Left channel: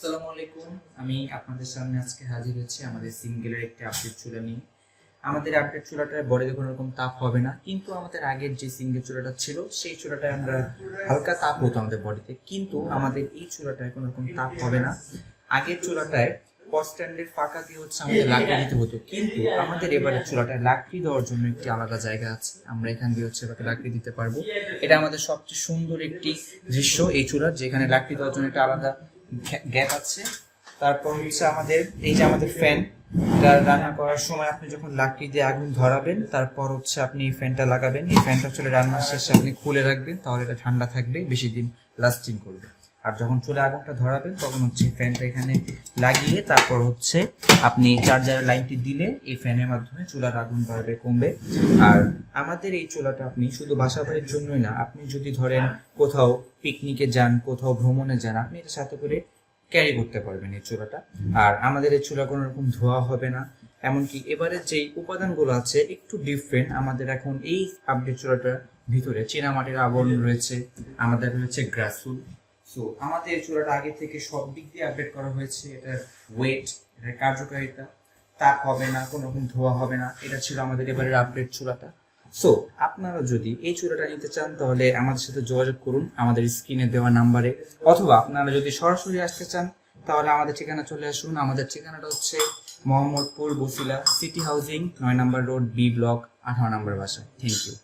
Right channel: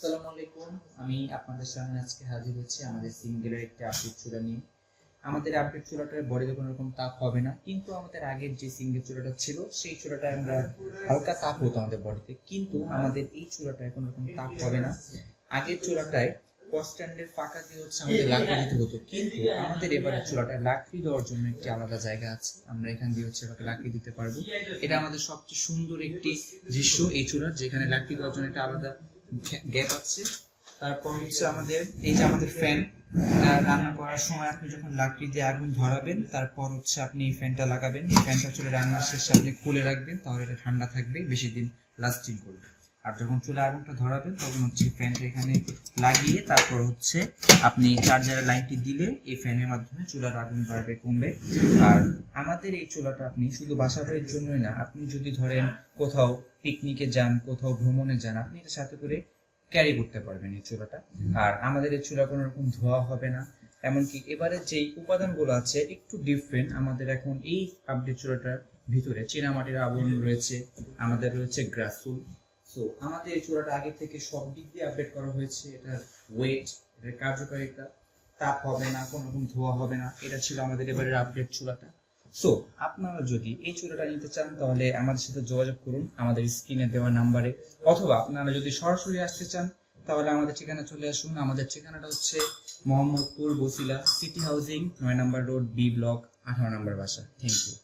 আসসালামু আলাইকুম। আমি আপনাদের সামনে আজকে হাজির হয়েছি আমাদের সিঙ্গেলের একটি আপডেট চুলা নিয়ে। আমাদের আপডেট চুলাটায় বডিতে কোনো রকম তাপ হবে না, কিন্তু আমাদের আগের যে সিঙ্গেল চুলাটা ছিল সেই চুলাটায় আমরা হালকা তাপ হতো আমাদের বডিতে, কিন্তু আমাদের এই চুলাটায় কোনো রকম তাপ হবে না। আগের চুলাটায় স্ট্যান্ডের ফাঁকা দিয়ে আমাদের লাকড়ি দিতে হতো, কিন্তু আমাদের এবারে চুলাটায় লাকড়ি দেওয়ার জন্য একটি আলাদা জায়গা আছে। আমরা এখান দিয়ে এবার লাকড়ি দিতে পারবো। এটা আমাদের সবচেয়ে সুন্দর একটি দৃশ্য এই চুলার, যেখানে লাকড়ি দেওয়ার জন্য একটা আলাদা গ্যাপ আছে। তারপর আমাদের এই যে আমাদের ফ্যান, রান্না করার সময় আপনি যখন লাকড়ি দিয়ে আগুন ধরাবেন, তারপর আপনি এই ফ্যানটা লাগাবেন। এই ফ্যানটা রান্নার শেষে আপনি খুলে রাখবেন, তাহলে এটা ঠান্ডা থাকবে, বেশি দিন লাস্টিং করবে। আর যখন চুলে আগুনটা ধরাবেন তখন ফ্যানটা এখানে লাগিয়ে তারপর আপনি চার্জারের লাইনটি দিলে এই ফ্যানের মাধ্যমে চুলার আগুন বাড়বে, কমবে। আর আমাদের এই চুলাটা আপনি শুধু বাসা বাড়ির জন্যই না, আপনি যদি ধরেন কোথাও পিকনিকে যান, কোথাও ভ্রমণে যান, আপনি এটা সাথে করে ক্যারি করতে পারবেন এই চুলাটা। আর আমাদের এই চুলা কোনো রকম ধোয়া হবে না। এমনকি এবারে যেই উপাদানগুলো আছে একটু ডিফারেন্ট। আমাদের এখন এই আপডেট চুলাটার ভিতরে চীনামাটির আবরণ রয়েছে, আমাদের রয়েছে গ্রাসুল। সো আমাদের এই চুলাটা আগে থেকে সব দিক দিয়ে আপডেট করা হয়েছে। এটার ওয়েট, এটার কার্যকারিতা, তাপ হবে না, কোনো রকম ধোয়া হবে না। এটা ছিল আমাদের এবারের আপডেট চুলাটা। সো আপনারা যদি এই চুলাটা নিতে চান তাহলে আমাদের সাথে যোগাযোগ করুন আমাদের স্ক্রিনে দেওয়া নাম্বারে, অথবা আপনারা যদি সরাসরি আসতে চান তাহলে আমাদের ঠিকানা চলে আসুন। আমাদের ঠিকানাটা মোহাম্মদপুর বসিলা সিটি হাউজিং 9 নম্বর রোড, বি ব্লক, 18 নম্বর বাসা। Thank you.